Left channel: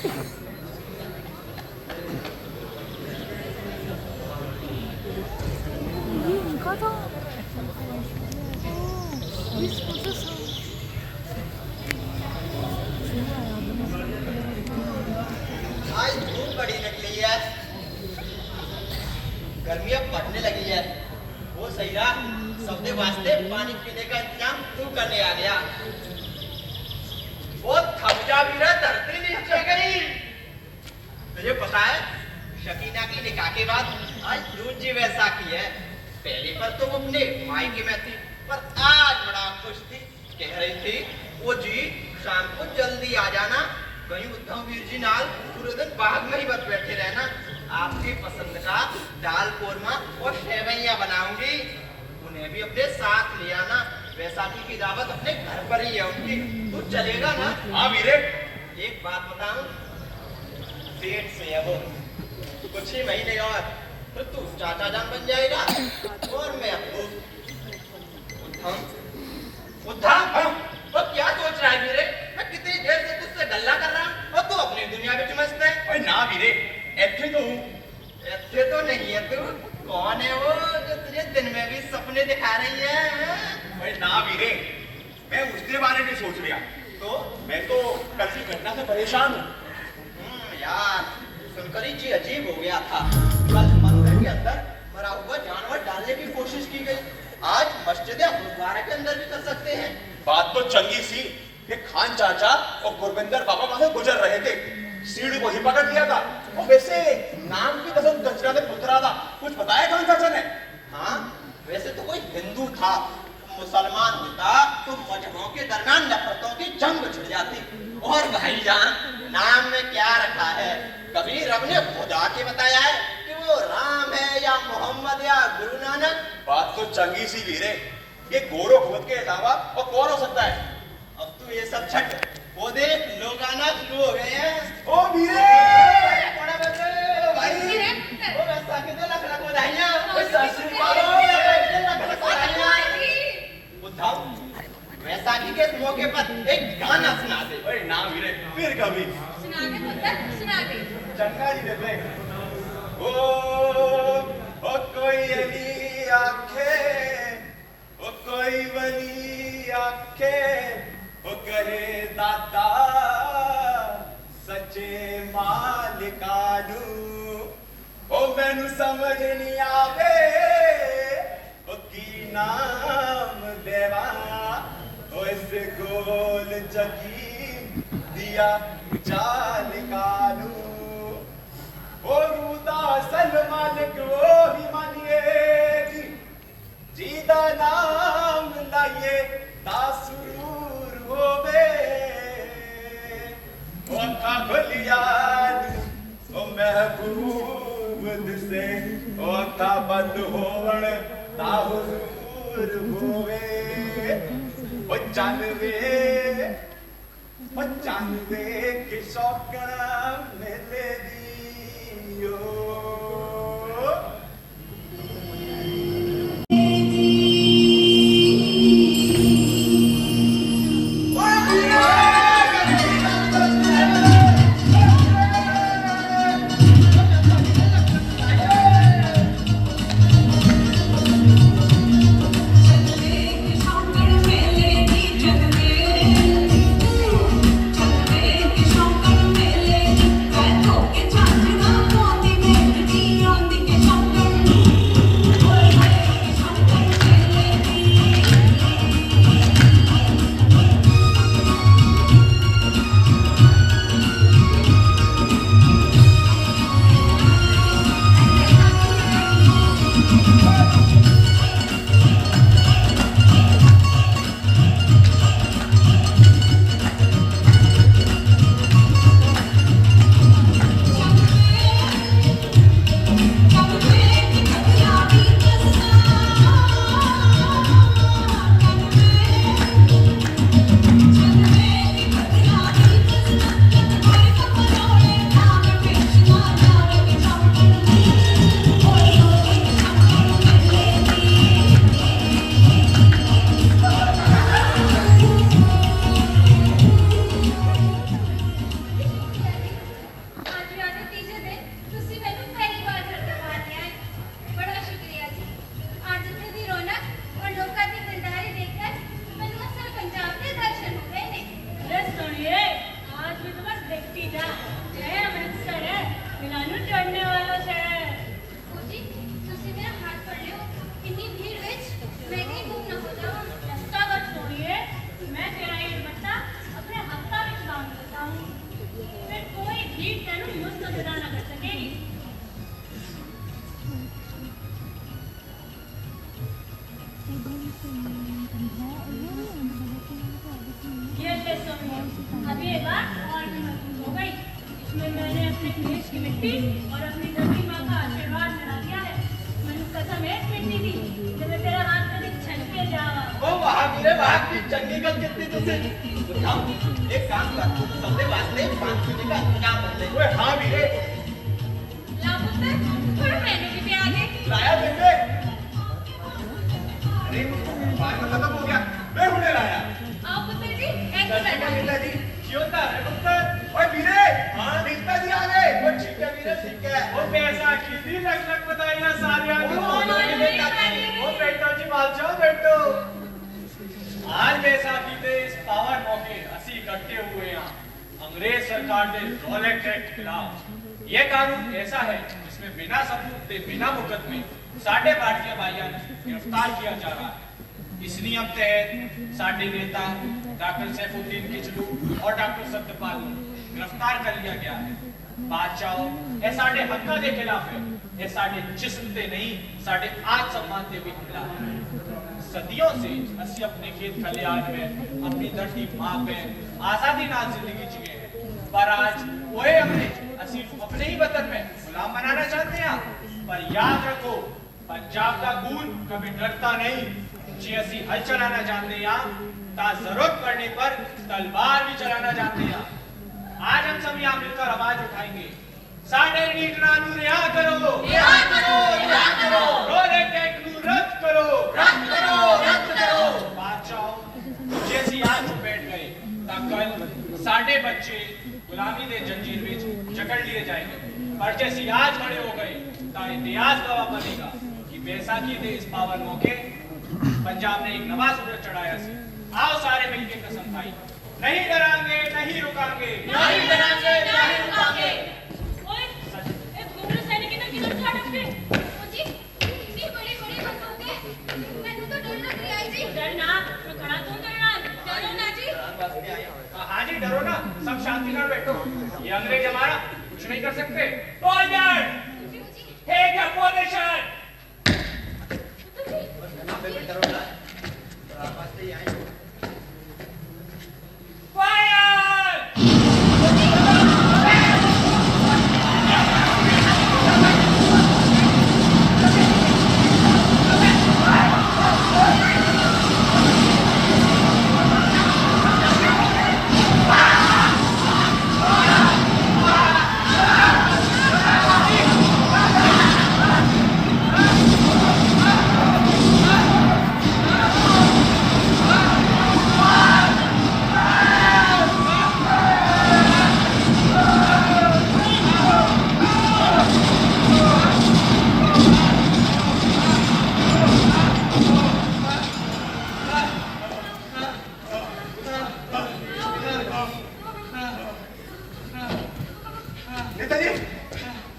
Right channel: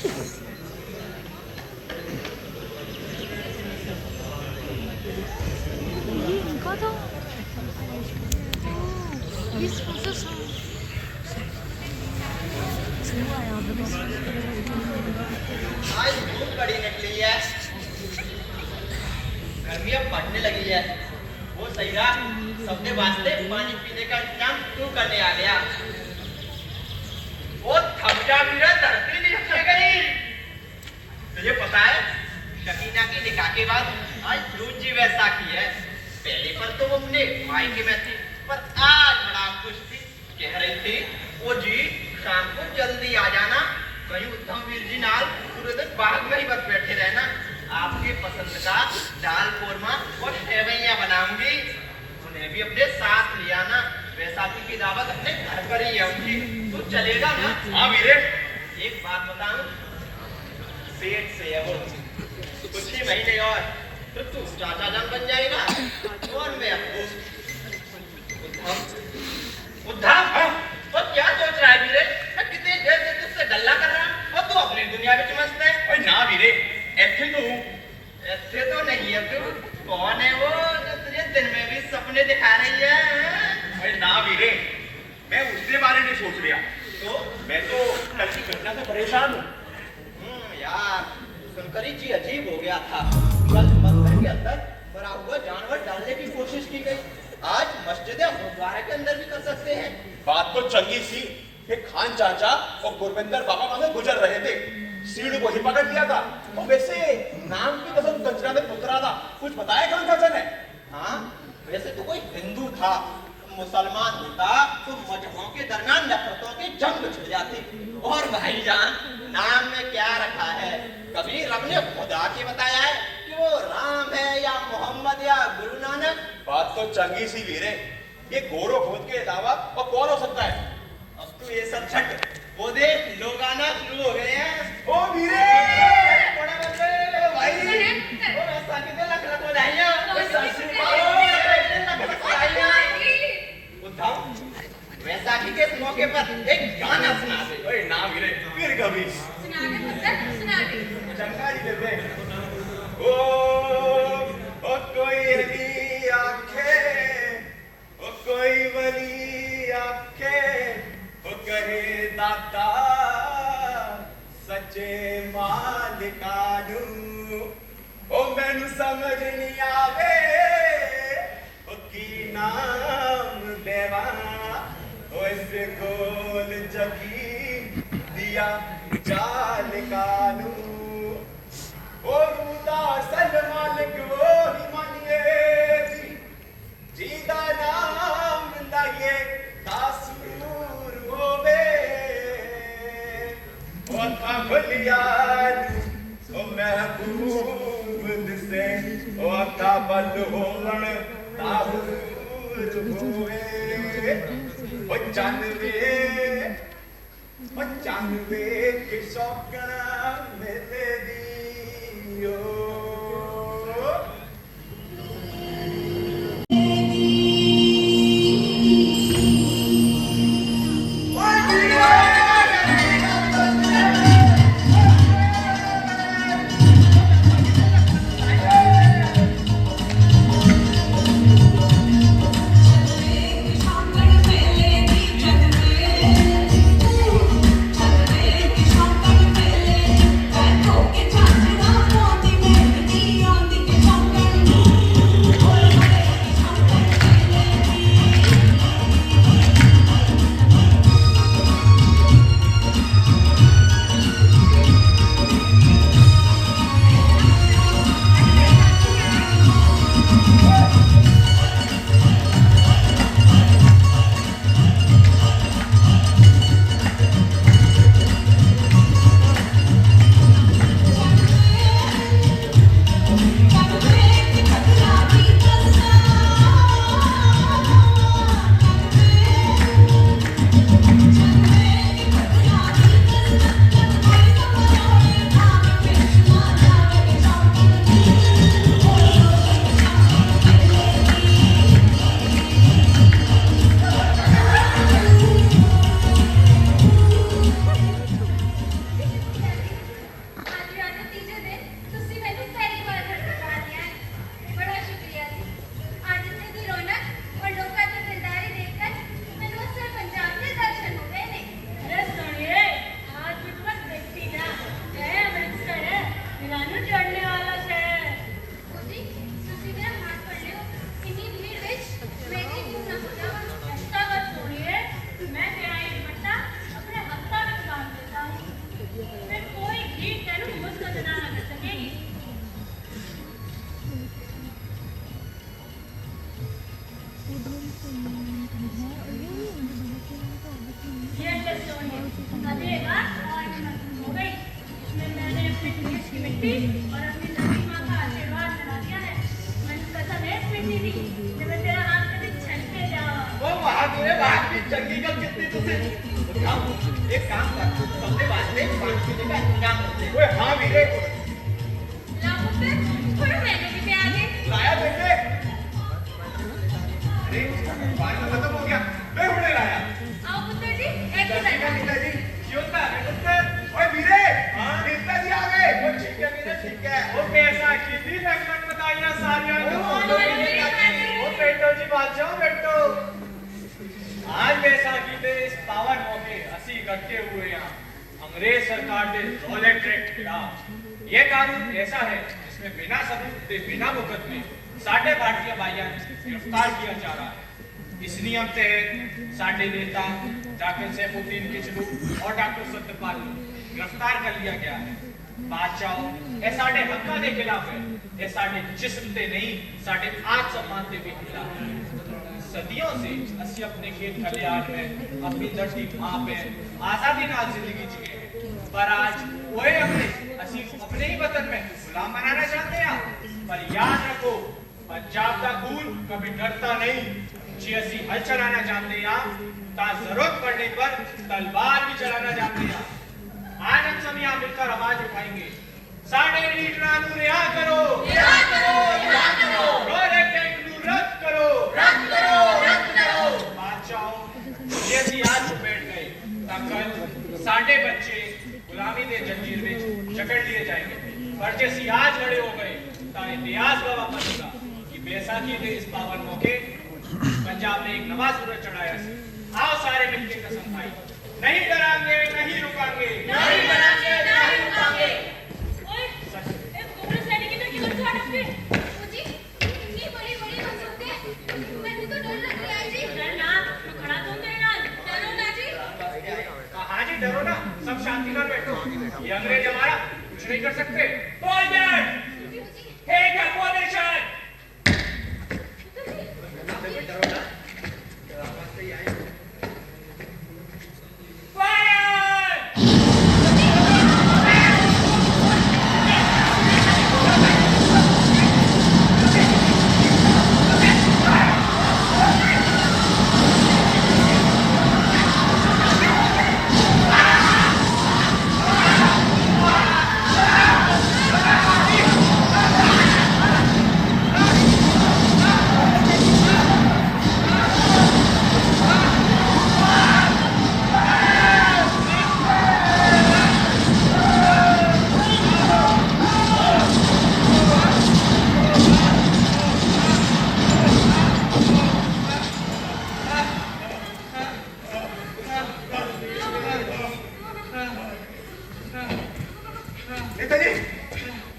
आज धूप बड़ी निकली है, गर्मी अब बढ़ने लगी है। वो सही रहा, सबके वास्ते पानी पीने का इंतजाम तू करने आ गया। वो थपजा भी रहा, धरती नहीं चल गई। तुझे पता है शकीना की निकाह के बाद आज दूजी वैसाखी है। पहले पर तो वो अपने मायके में थी, पर आज बड़ा खुश थी। कह रही थी वो जी शाम को जल्दी आ जाना, कहीं उद्धव वीर जी नाल पूरे दिन बाग में ही बस बैठे रहना। आपकी पसंद का दाल कोरमा और सेवैयां बनाऊंगी, उन्हें भी अपने साथ ले आना। वैसाखी की दावत अपने घर पर ही है उनकी, तो चलेगा ना? हाँ वीरे। एक बात बताऊं, पेट से है वो, कुछ ही महीने और तो तू चाचा जान बन जाएगा और मैं आपको उद्धव। तो क्या सोच रहा है वीरे? मैं कितनी देर से तुझसे गल्ला कर रहा हूं और तू अपनी दुनिया में मस्त है। ओए ना वीरे, ऐसे तो हूँ। ऐसे तो नहीं है तू। कौन है वो जो तुझे दिन में भी सपने दिखा रही है? ओए ना वीरे, मैं उसके बारे में सोच रहा। तो मैं तो कल की घटना से परेशान हूँ। यार सुनकर ही जी अजीब हो गया था। कल मंदिर के अंदर मरा हुआ जानवर डालने की कोशिश की गई, आज मस्जिद या गुरुद्वारे के अंदर भी कर सकते हैं। बात तो चंगी सी कि खान चाचा और गुरविंदर बाबा वहां से गुजर रहे थे, सीढ़ी को ही पकड़ लिया था। और वैसे नाम की कसम गजरा में पुतरा था, कुछ बताया खान चाचा ने? हाँ, वैसे तो कोई हिंदू था, मुसलमान होता तो मजहबों के दरमियान नफरतों की जंग छिड़ जाती। और भाईजान नाम में क्या रखा है? कभी रब ने खुद आके बताया है कि वो राम है या मोहम्मद या गुरु नानक? बात तो चंगी सी वीरे, ये गोरो भगत के अलावा और कौन हो सकता है? अब तू ये सब छट, वो देख लोग आना शुरू हो गए हैं। ओ वीरे, बड़ा बच्चे भाई, वो वैसाखी के लग रख बधाइयां, उद्धव वैसाखी के इस मौके पर एक गाना सुना दे। ओए ना वीरे, फिर कभी चंगा जी दे। ओ कोई अली आखे, ओ कोई वली आखे, ओ कहे दादा सच्चे मालिकानू, ओ मैनू समझ नहीं आवे ओ की नाम देवा, ओ इस गोल जगी दिया जालिकानू, ओ रूदा सल मालिक वो ही मानिए जी दा नाम लाइए तासुरूर होवे, ओ था खुलिया ओ महबूब दिसे, ओ अखा बंद होवण ताहुर होवे, ओ जानवे के शौकना मेले दियो। Thank you. की मिट्टी और अपनी धरती माँ का आशीर्वाद मिला दिया है। मैंने कसम है पिंडी दी जब मैं तेरा हाथ कभी छटके जावा। ओ महावीरे महावीर चंगी गल कितनी तुझे हम एक काम कर सबसे वास्ते पानी पीने का इंतजाम कर दे। ओए हाँ वीरे ला पुत्र थोड़ा मैंने भी पे आगे लाया बेटे अरे पानी खत्म हो गया मैं हुने लाया आओ पुत्र जी एक दर्शन मिनट मिलता जी जियोता है पुत्र ओए वीरे हां मिलता जी आ गए ओ ठीक है वीरे ठीक है। ओ कैसा कितनी लग बताइया सारिया ओ बैठो जी बादशाह बैठो आज जैसा कि ते इस पावन मौके असी इकट्ठे हुए हैं अंग्रेज सरकार के रॉलेट एक्ट के खिलाफ ये कानून ऐसा है जिसमें बिना सबूत के बिना मुकदमे साढ़े भारतीय भाइयों गिरफ्तार किया जा रहा है। इस नियम तहत साढ़े नेता डॉक्टर सैफुद्दीन किचलू और डॉक्टर सत्यपाल गिरफ्तार कर लिया गया है। बादशाह ये साढ़े हक्का के खिलाफ है, ये साढ़े जिस्म ते नहीं साढ़े आत्म सम्मान के भी खिलाफ है। सदियों से असि अपने खेत खलिहान में अपनी धरती माँ पे आजादी नाल जिंदगी जिए हैं, पर आज वही अंग्रेज असि अपने ही वतन में गुलाम बनाना चाहते हैं। पर याद रखो पंजाब का खून कभी डरता नहीं। जी असि हल चलाना जानते हैं ता जरूरत पड़ने पर तलवार भी चलाना जानते हैं। आज हम सब यहाँ मिलकर आवाज उठाएंगे साढ़े लीडरां नूं रिहा करो, रिहा करो, रिहा करो। रॉलेट एक्ट नूं रद्द करो, रद्द करो, रद्द करो। बादशाह जे ਅਸੀਂ आज बैठ गए ਤਾਂ कल साढ़े बच्चे गुलामी के जंजीर में जकड़ लिए जाएंगे। और जे ਅਸੀਂ आज खड़े हो गए तो इतिहास गवाह बनेगा कि बैसाखी के इस पावन मौके पंजाब ने एक नवा सूरज चढ़ाया है। आओ सारे मिलकर कसम खाई नहीं डरांगे नहीं रुकांगे, नहीं डरांगे, नहीं रुकांगे। ओए एक गुमरा सैनिक इधर क्यों खड़ा है? मुझे इतनी बड़ी बड़ी बंदूक है मैंने तो डर लग रही है जी। डर ना तो खड़ा तो मेरे नाल डरो ना जी। हाँ जी डरो ना, सब शांति से बैठो। ये अंग्रेज हमारा कुछ नहीं कर सकते। Order take a position.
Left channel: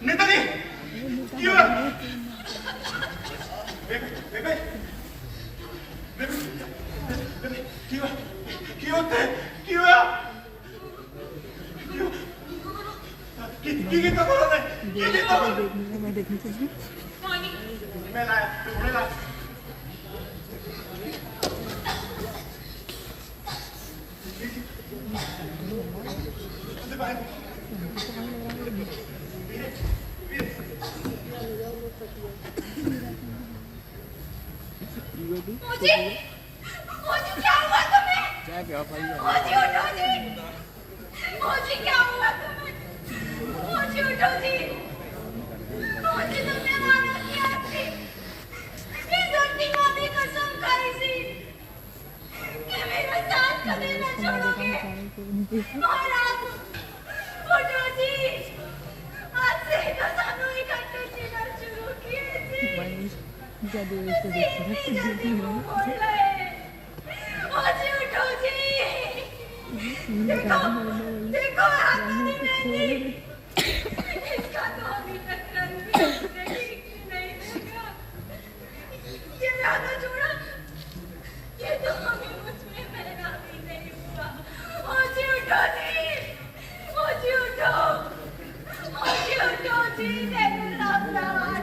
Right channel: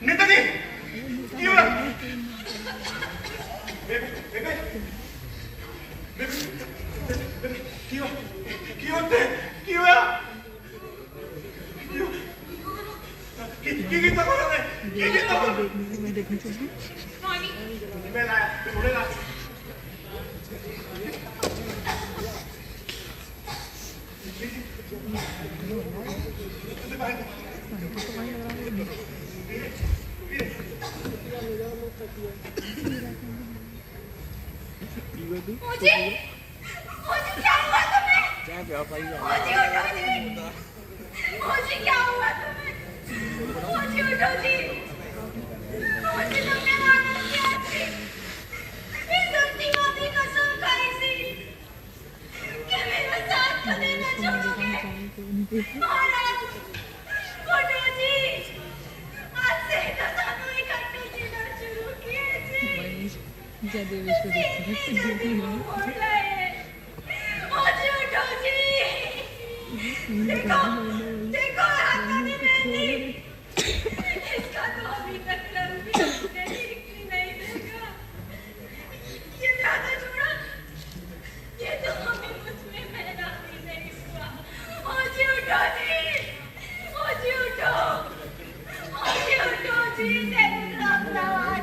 नेताजी क्यों बेबे क्यों क्यों थे क्यों की तो करो मैं की तो मैं देखनी चाहिए पानी मैं लाया मैं बोले ना मुझे क्या हुआ तुम्हें? मुझे क्या हुआ तुम्हें? मुझे उठो जी। मुझे तुमने मारा क्या थी? ये धरती माँ की कसम खाई थी कि मेरा साथ कभी न छोड़ोगे। महाराज उठो जी। आज से तो सानू इकट्ठे जीना शुरू किए थे। क्या देवेश को देखती है देखो देखो हाथानी मेहंदी इसका तो अभी तक रंग भी नहीं देखा। ये ज्यादा छोड़ा ये तो अभी मुझमें पहना भी नहीं हुआ। ओजी उठो जी। ओजी उठो। ओजी उठो जी। तेरे लापता वाला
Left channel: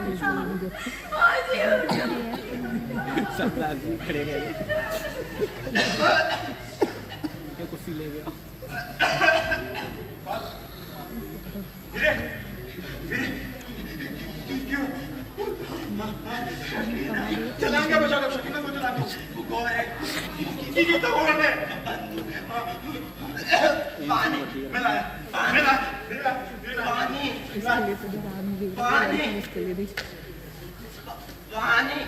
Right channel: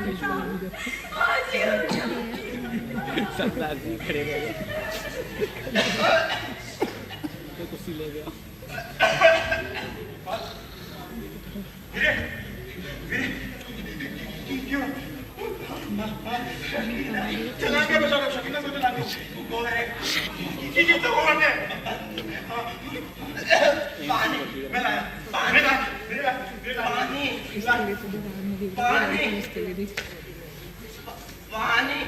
ओजी उठो। सब राजी खड़े रहे तो कुछ ले गया धीरे ये तो कौन है? पानी मिला मिला मिला पानी इसके लिए तो जब आदमी देख रहा है इसके लिए देख पानी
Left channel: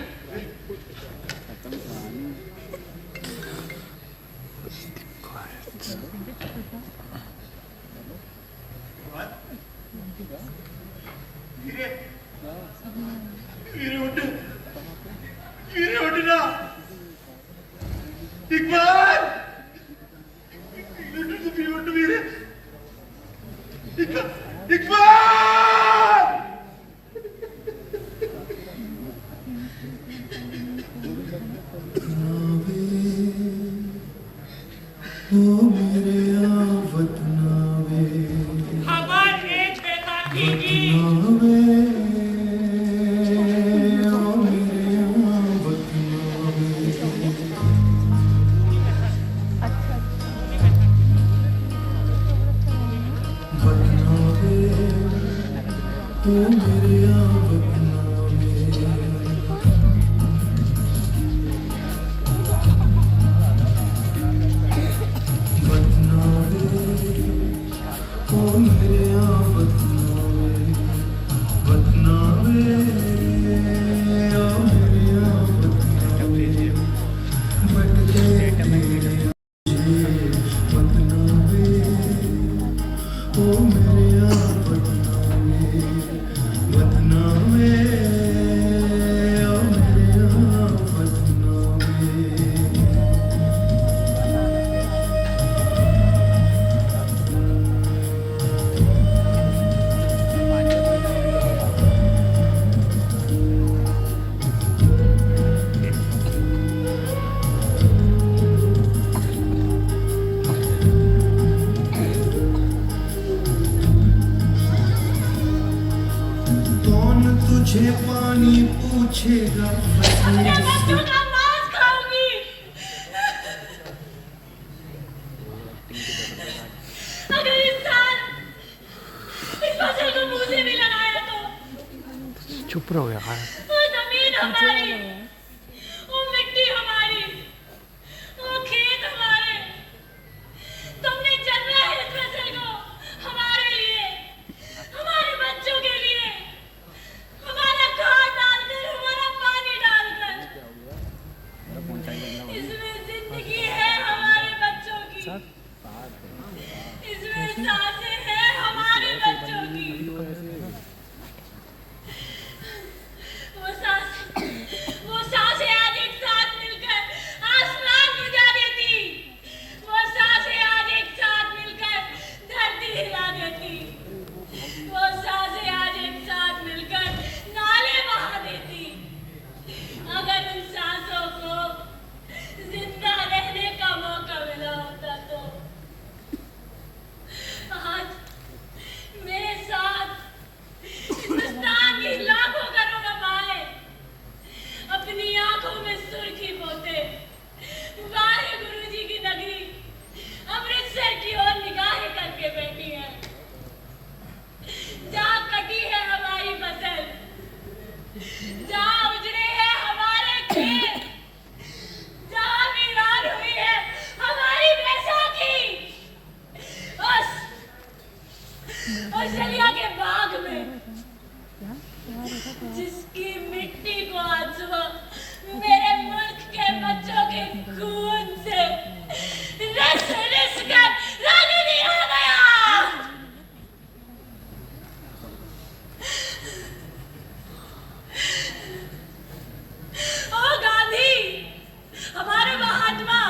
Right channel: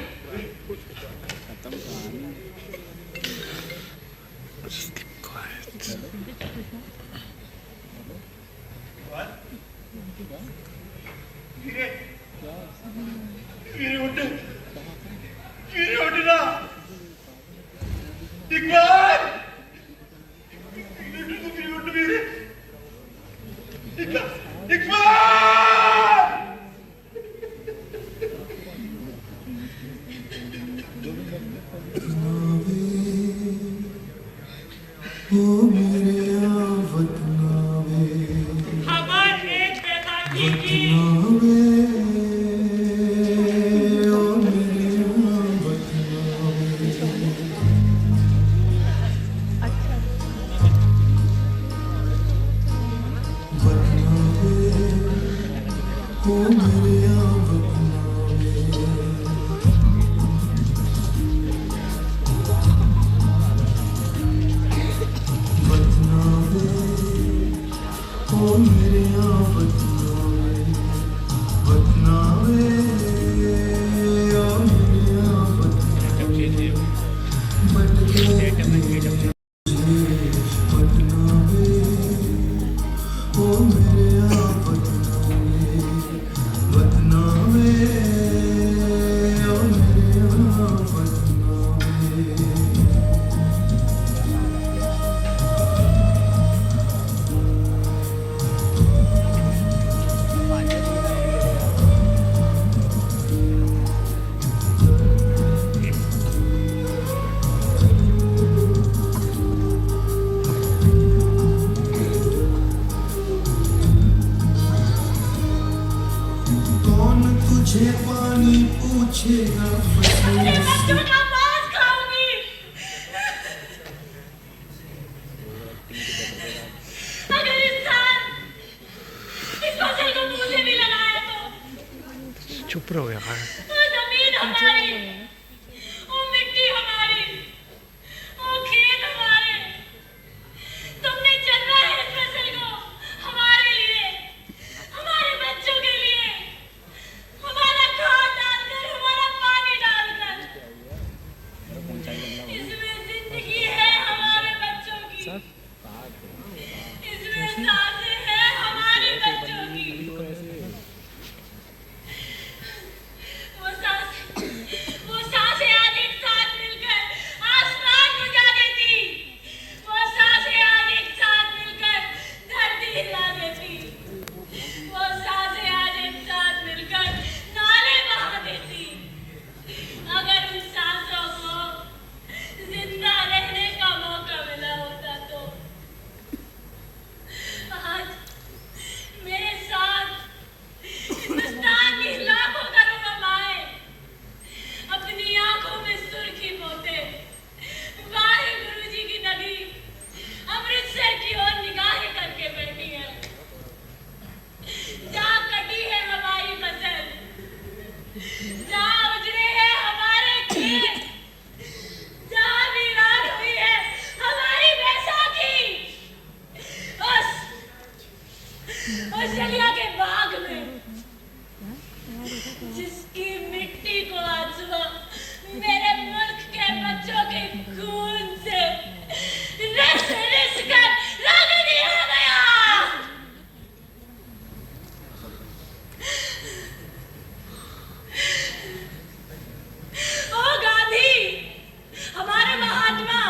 वीरे वीरे उठ वीरे उठना इकबाल वीरे उठ वीरे इकबाल खबर एक बेताकी की तुझे पानी पूछेगा अपने बच्चों का मांस खाऊंगी। अगर इंसान इस फसल को मुंह से भी लगाया तो चुप रहो यार वो जमीन हमारी, वो मिट्टी हमारी, वो खेत हमारे। तुमने चलना है इस फसल को हमारे लिए, हमारे बच्चों के लिए, हमारा खाद डालकर, हमारा पानी डालकर। इसमें जिंदगी है हमारे बच्चों की, इसमें सांसें हैं हमारे बच्चों की। वो सांसें आज एक साथ मिलकर आसमान बुझा देती, वो सांसें आज एक साथ मिलकर धरती हिला देती, वो सांसें आज एक साथ मिलकर नाले बहा देती। अगर उन सांसों को जिंदा रहने का मौका मिला होता तो आज मेरे साथ हिंदुस्तान की लाखों करोड़ों माएं अपनी आंखों में सुर्खी पोते वाहे गुरु जी की नदी अमृतसर की ओर निगाहें करके बैठी है। जहाँ कटी है हमारी फसल, जहाँ उजड़े हैं हमारे खेत, जहाँ वीरान हुई है हमारी बैसाखी, उस जलिया के बाग में जिसकी मिट्टी को आज सुबह मेरे मुल्क के बच्चों के खून से रिस रिस कर रंग दिया गया। ओ गांधी, हमारे महात्मा,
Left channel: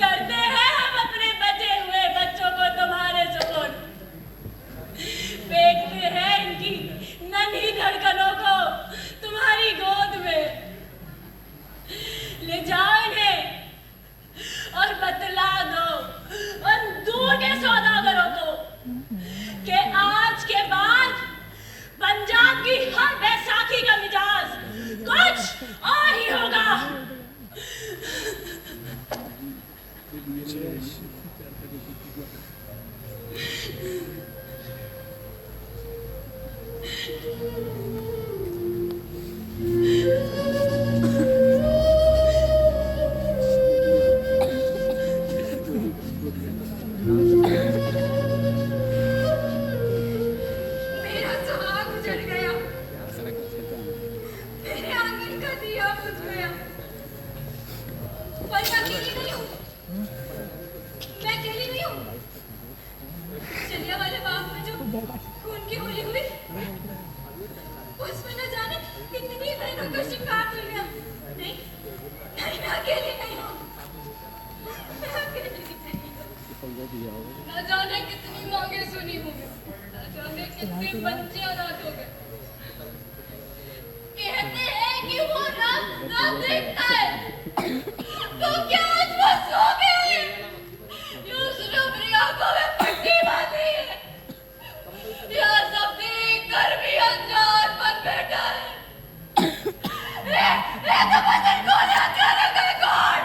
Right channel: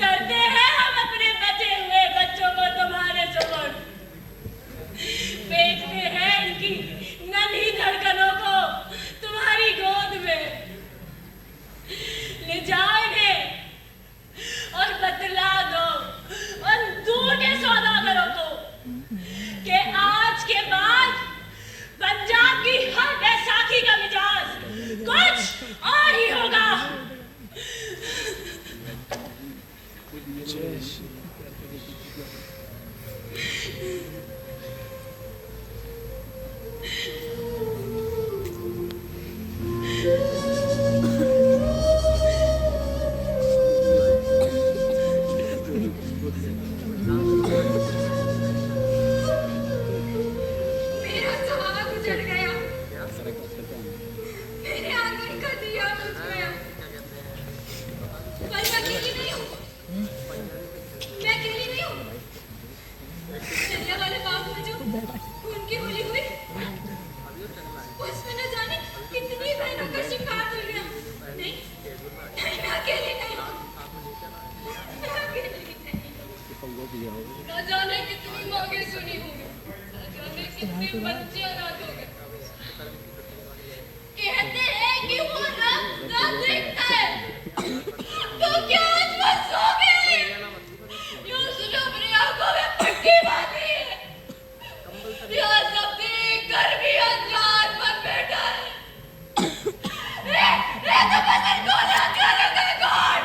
करते हैं हम अपने बचे हुए बच्चों को तुम्हारे सुपुर्द, फेंकते हैं इनकी नन्ही धड़कनों को तुम्हारी गोद में। ले जाओ इन्हें और बतला दो उन झूठे सौदागरों को कि आज के बाद पंजाब की हर बैसाखी का मिजाज कुछ और ही होगा। जाने कितनी मांगे सुनी होंगी, न जाने कितने बच्चे औलाद हो गए। कहते हैं कि वो रात देखता है, तो क्या आज बस सो गए? यूं उसने अपनी आंखों में पट्टी बांधी है, या सब देख कर भी अनजान बन बैठा है। तो बदन कौन है? कौन?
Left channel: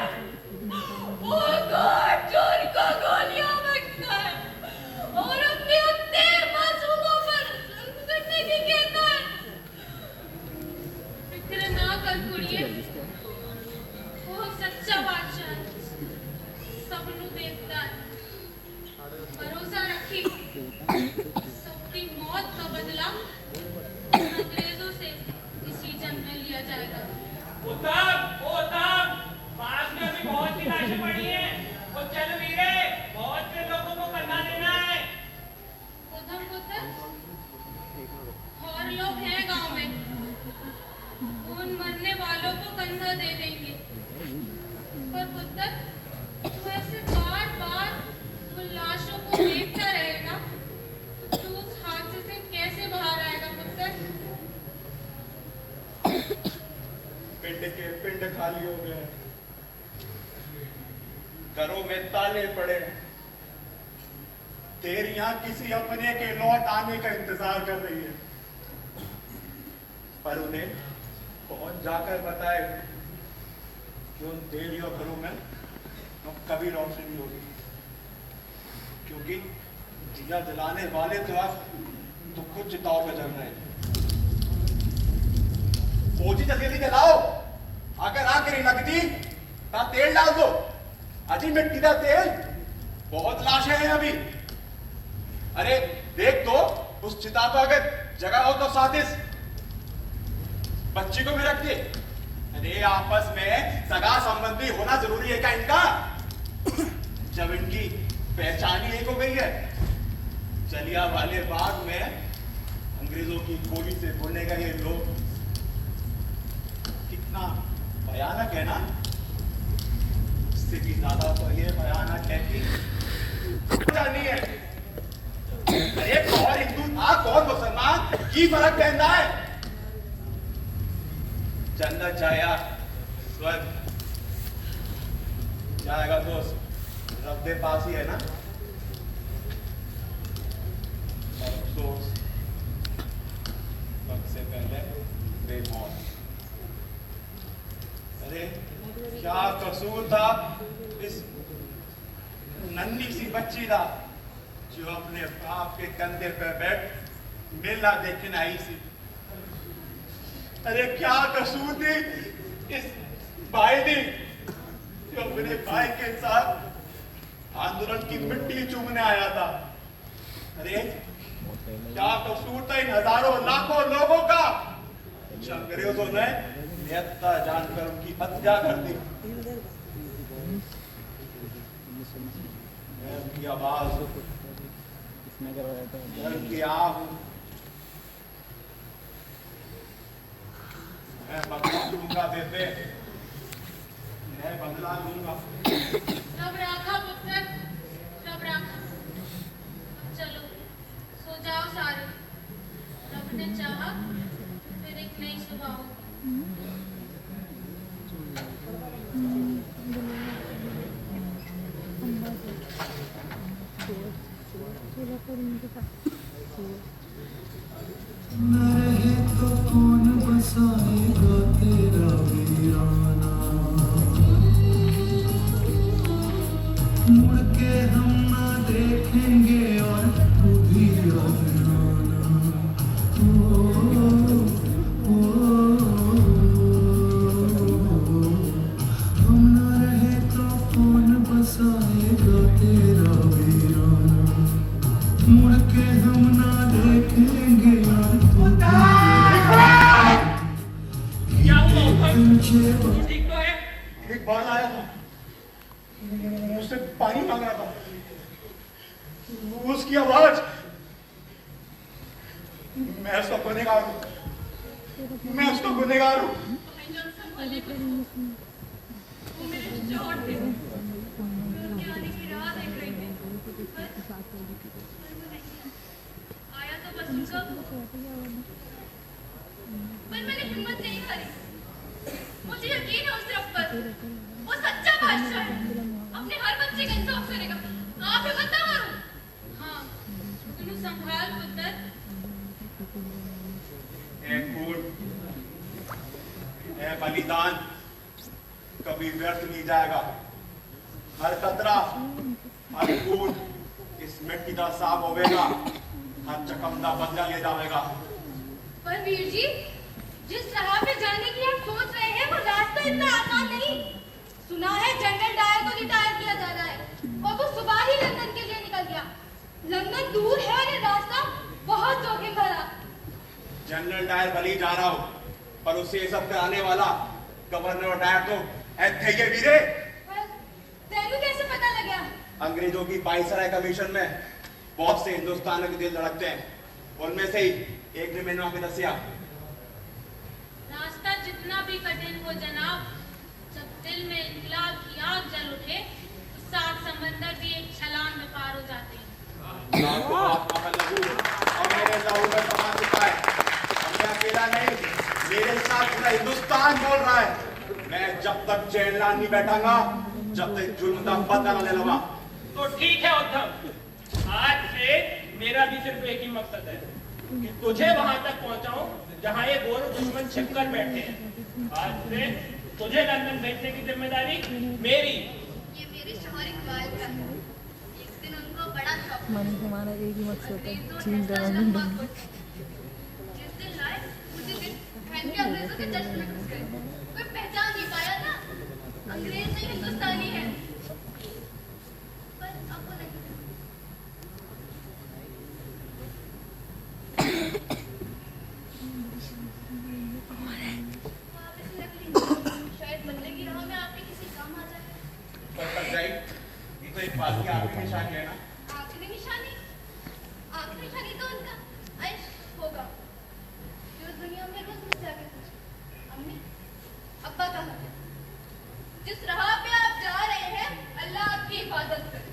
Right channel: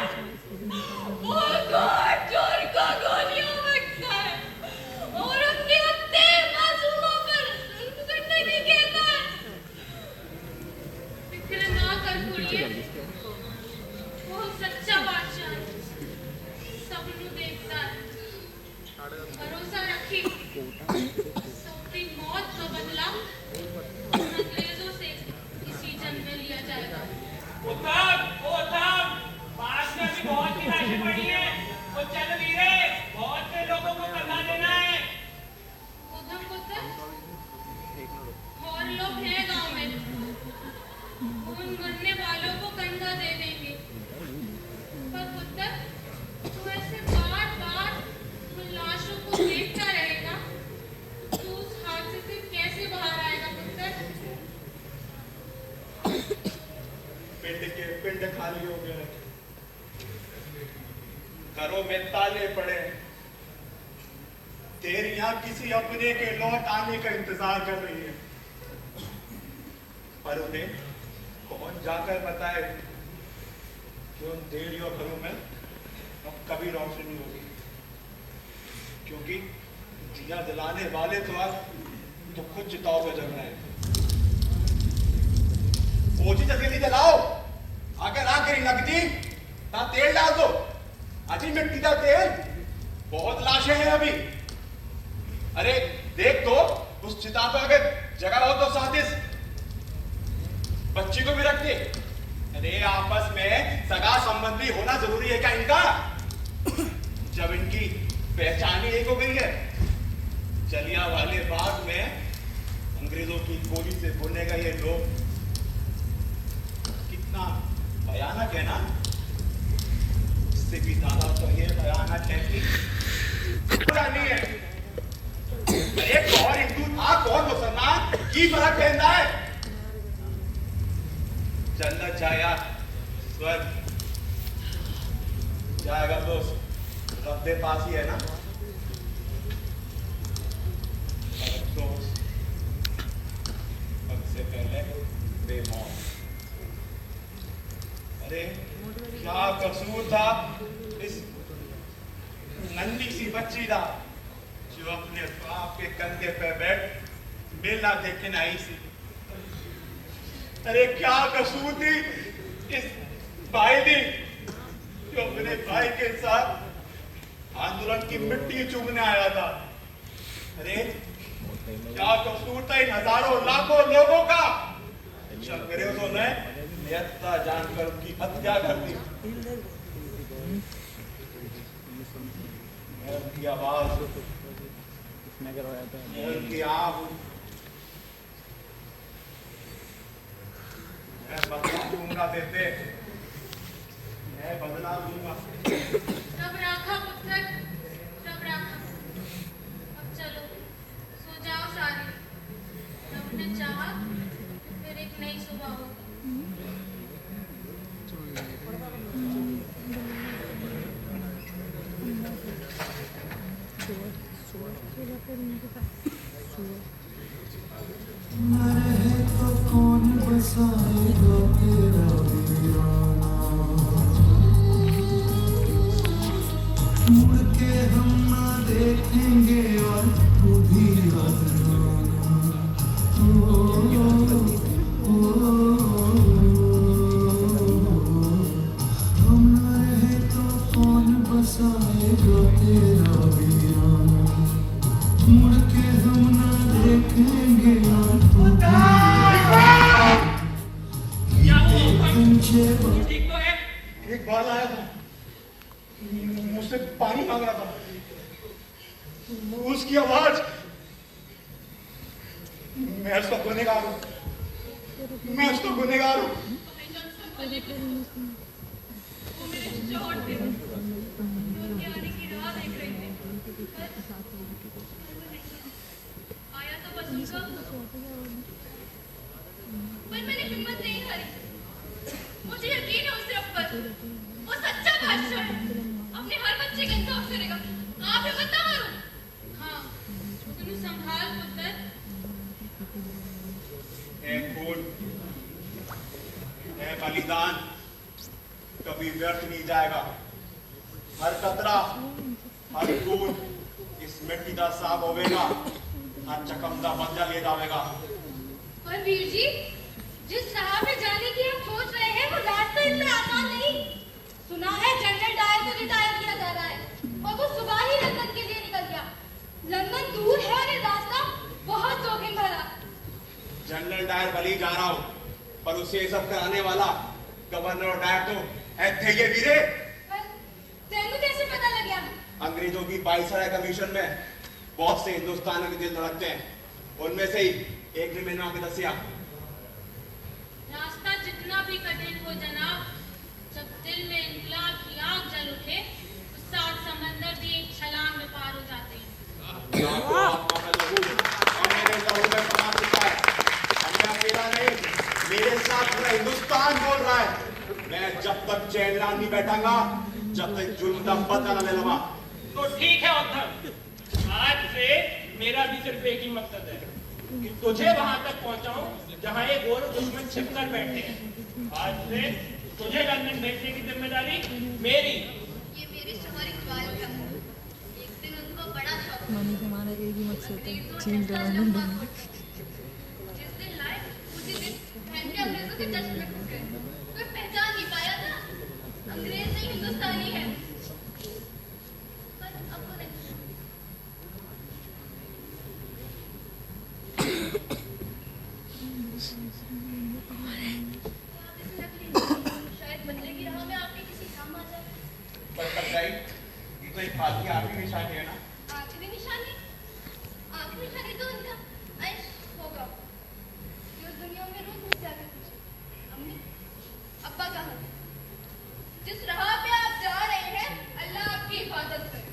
वो कौन चोर को गोलियां फेंकता है और अपने उत्ते मासूमों पर करने की कहता है। फिक्र ना कर कुड़िए, वो सच्चा बादशाह है, सबनू देखता है। भरोसा रखी, सबकी मौत का बदला अंग्रेजों से इसी जन्म में लिया जाएगा। उत्तम, पास में अभी बहुत निराशा पड़ी है। वो चल वीरे, बहुत से लोगों को करना देना है। उधम पुत्र, और लोग हैं गांव में, उन मरने वालों को कंधा दे देंगे। पर पुत्र, तू ऐसे बार-बार उन लाशों को देखता रहेगा, तू उस हादसे से कैसे बाहर आएगा पुत्र? पिंड के पिंड खाली हो गए, घरों में ताले पड़े, तेरियां किसी अपने के लौट आने का इंतजार कर रही है, पर उन्हें कौन जाकर बताए कि उन तेरियों घरों में अब कभी रोशनी होगी, क्योंकि दिया जलाने वाले तो अब तो खुद चिताओं पे जल रहे हैं। फौजी जल्दी जलाओ, अगर आखिर लगती ता तेल डाल दो, अजी मिट्टी का तेल, बहुत लाशें हैं अभी। अरे देख तो उस चिता पर अगर जगह हो तो साजिश बच्ची को भी रख दे। अरे आपस में सगा संबंधी होना जरूरी है क्या इनका? जब इनकी पहचान ही एक हो गई है। जलियांवाले बाग में अंग्रेजों की गोली से बोलेगा ये लोग, कितना भयानक है ना? इससे भी ज्यादा तो ये भयानक है कि नहीं है। अरे कौन हिंदू था कौन मुसलमान की फर्क पहनता है? जन्नत जाया स्वर्ग जाएगा तो रब के पास ही है ना। अफसोस वक्त से पहले बेमौत। अरे क्या कसूर था इस नन्ही सी बच्ची का जो अपने बाप के कंधे पर बैठ मेला देखने आई थी। अरे क्या कसूर थी इस भाई दी जो अपने भाई के साथ आंदोलन की मिट्टी चूमने आया था। अरे क्या कसूर था इन हजारों लाखों लोगों का? अंग्रेजों ने निहत्था जानकर उनकी हत्या कर दी। उनकी आवाज, उनकी आंख, मैं बदला लूंगा देते, मैं बदला लूंगा। रब राखा पुत्र, रब राखा। अब चलो सो जाओ सारे, रब ने चाहा फिर एक नई सुबह होगी। न रहे तो कौन बसाएगा तेरा वीराना, मुड़ के हम ना देखेंगे और तू भी अपनाना। हम न रहे तो कौन बसाएगा तेरा वीराना, मुड़ के हम ना देखेंगे और तू ठीक तो है? एक बार आया था, मुझसे पानी मांग रहा था, उसकी आवाज, मैं उसका गुनहगार हूं, मैं उसका गुनहगार हूं। वो मेरे चोट थे, मैं उनके आने की राह देख रही थी। आया तो बसूंगा, पर मैंने हिम्मत नहीं हारी। मुझे यकीन है उस रब पर, वो सच्चा बादशाह है, अपने हर बच्चे का इंसाफ करेगा। आप हिम्मत ना हारो। हाँ, तुम संभाल पुत्र। ए खून, ए बलिदान कभी व्यर्थ नहीं जाएगा। हर कतरा, हर खून इस मिट्टी का साफ होवेगा, हर चकमदा बदला ले जावेगा। पर वीर जी, जिस राह पे जाने की आप सोच रहे हैं वो रास्ता इतना आसान नहीं। सुना है जनरल डायर को रिटायर किया जा रहा है और वो सुबह ही लंदन के लिए निकल गया। लंदन दूर है और ये रास्ता बहुत जोखिम भरा। जनरल डायर भले ही जा रहा हो, पर उसे ये सब कराने वाला गवर्नर और डायर तो थे ये वीरे। पर तेनू कैसे पता लग गया? अंग्रेजों की वाइसराय कमीशन में बहुत से हिंदुस्तान के दिल धड़कते हैं, उनमें से ही एक ने मैंने आके दसिया। रास्ता जितना भी कठिन हो जनाब, जब दिल में इंकलाब की आग जल उठे, तो सात समंदर भी एक छलांग में पार हो जाते हैं। तो आपका लहू और मेरे लहू में समा चुका है। अब मैं अकेला नहीं, मेरे साथ पूरा हिंदुस्तान बोल रहा है। मैं जब तक चैन नहीं बैठांगा, जब तक जुल्म का पता न ले लूंगा। तो ठीक है उद्धव, आज से मेरा भी सिर्फ एक ही मकसद है कि तुझे वहां तक पहुंचाऊं जहां ये गोर दुश्मन छिपकर बैठे हैं। आज से तुझे लंदन भेजने की जिम्मेदारी मेरी। ये मेरे शौहर इकबाल का है। एक दिन उनको बड़ा शौक था। मानी हमारा एक ही मकसद है, अंग्रेजों चीन जैसा जवान लंबा कोट। जिस दिन लाए उसी दिन पहन के अंग्रेजों के चश्मे में घुस गए। कोई पहचान नहीं पाया था, अंग्रेज नहीं हिंदुस्तानी है। पर अब वो नहीं। वापस लग रही। शायद बदले की राह में आपके किसी काम आ जाए। पर सच्चाई ये तो एक बात की आखिरी निशानी है ना। आखिरी निशानी तो उनका ऐश होगा जो इस दुनिया में रोज मुझसे आगे पूछे, अम्मी अब्बा कहाँ हैं? जिस राह पे आप जा रहे हैं, अल्लाह आपकी हिफाजत करे।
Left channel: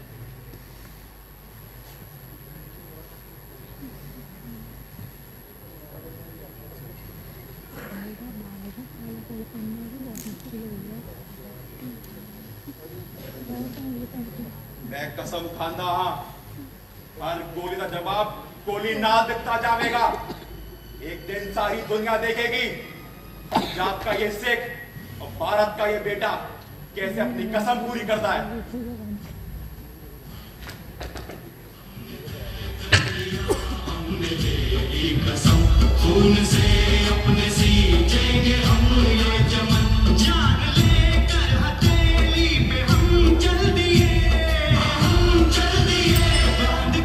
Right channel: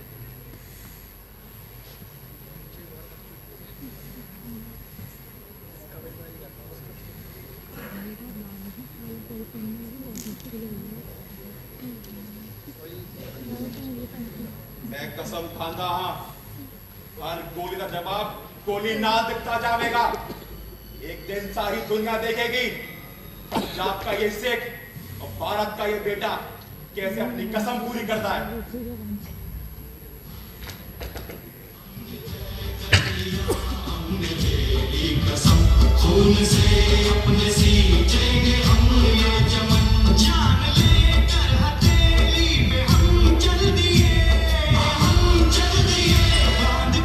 मैं कसम खांदा हाँ, हर गोली का जवाब गोली ना दिखता जाएगा। एक दिन सारी दुनिया देखेगी पंजाब का ये सिख और भारत का ये बेटा कैसे अपनी कसम पूरी करता है। खून से अपने सींचेंगे हम ये चमन, जान लेकर हथेली पे हम चल दिए, बांध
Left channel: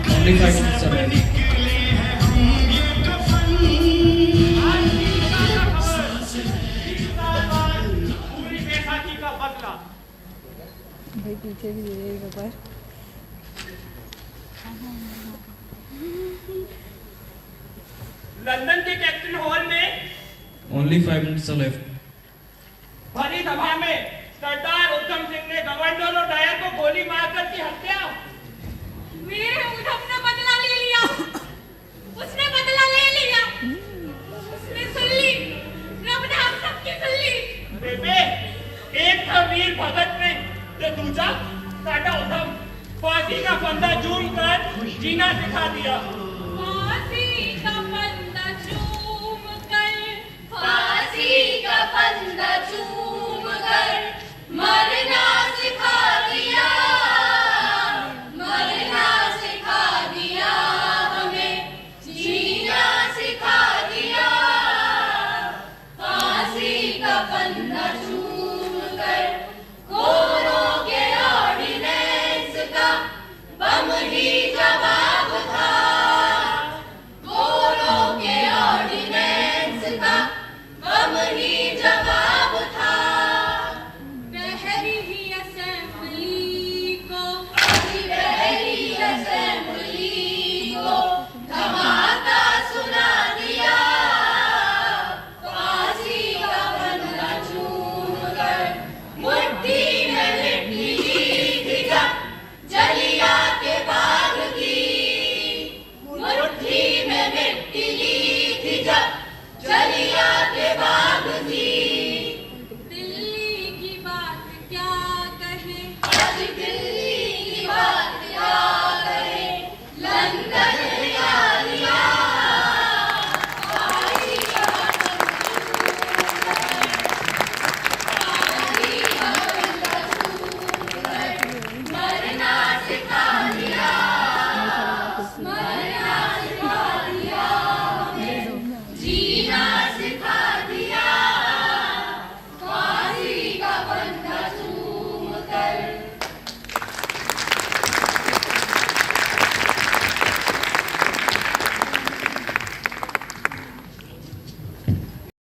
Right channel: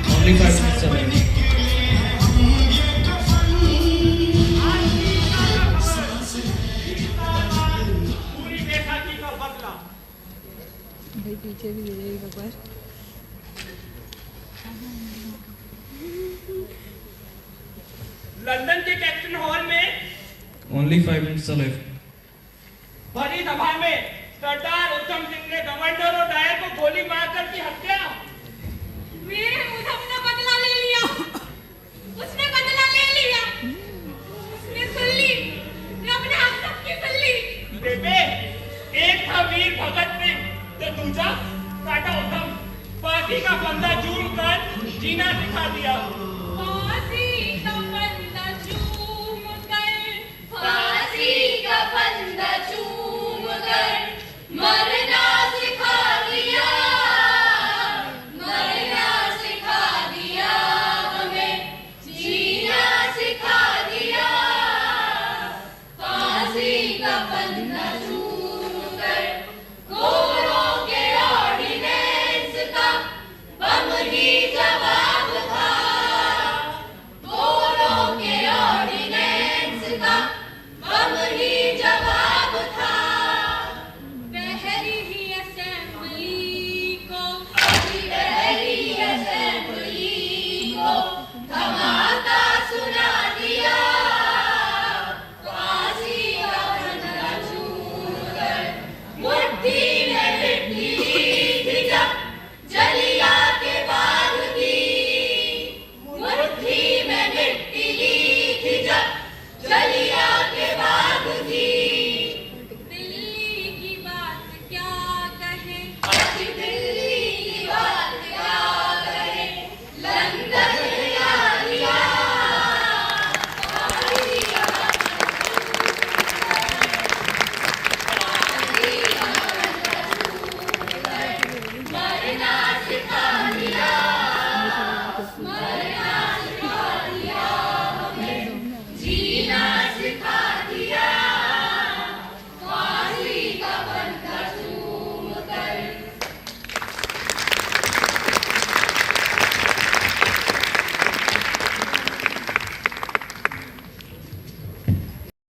कर सर पे निकले हैं हम ये कफन। पूरी बैसाखी का बदला। भाई पीछे भी दे बता। लंदन के कैप्टन हॉल में Only 5 minutes are left. भरी सभा में सरदार उत्तम सिंह ने गवर्नर और डायर को गोली मारकर की हत्या। मेरे उधम ने बदला ले लिया। उसने बदला ले लिया। उसने सुन ली। रब ने हम सबकी सुन ली। बेटे, एक था वीर भगत सिंह तो दूसरा साडा उत्तम। फांसी का फंदा चूम कर जीना सिखा दिया। फांसी का फंदा चूम कर, फांसी का फंदा चूम कर मरना सिखा दिया, मरना सिखा दिया हमें, जीना सिखा दिया। फांसी का फंदा चूम कर गोरों के ऑर्डिनेंस का बम ही जवाब था। अंदर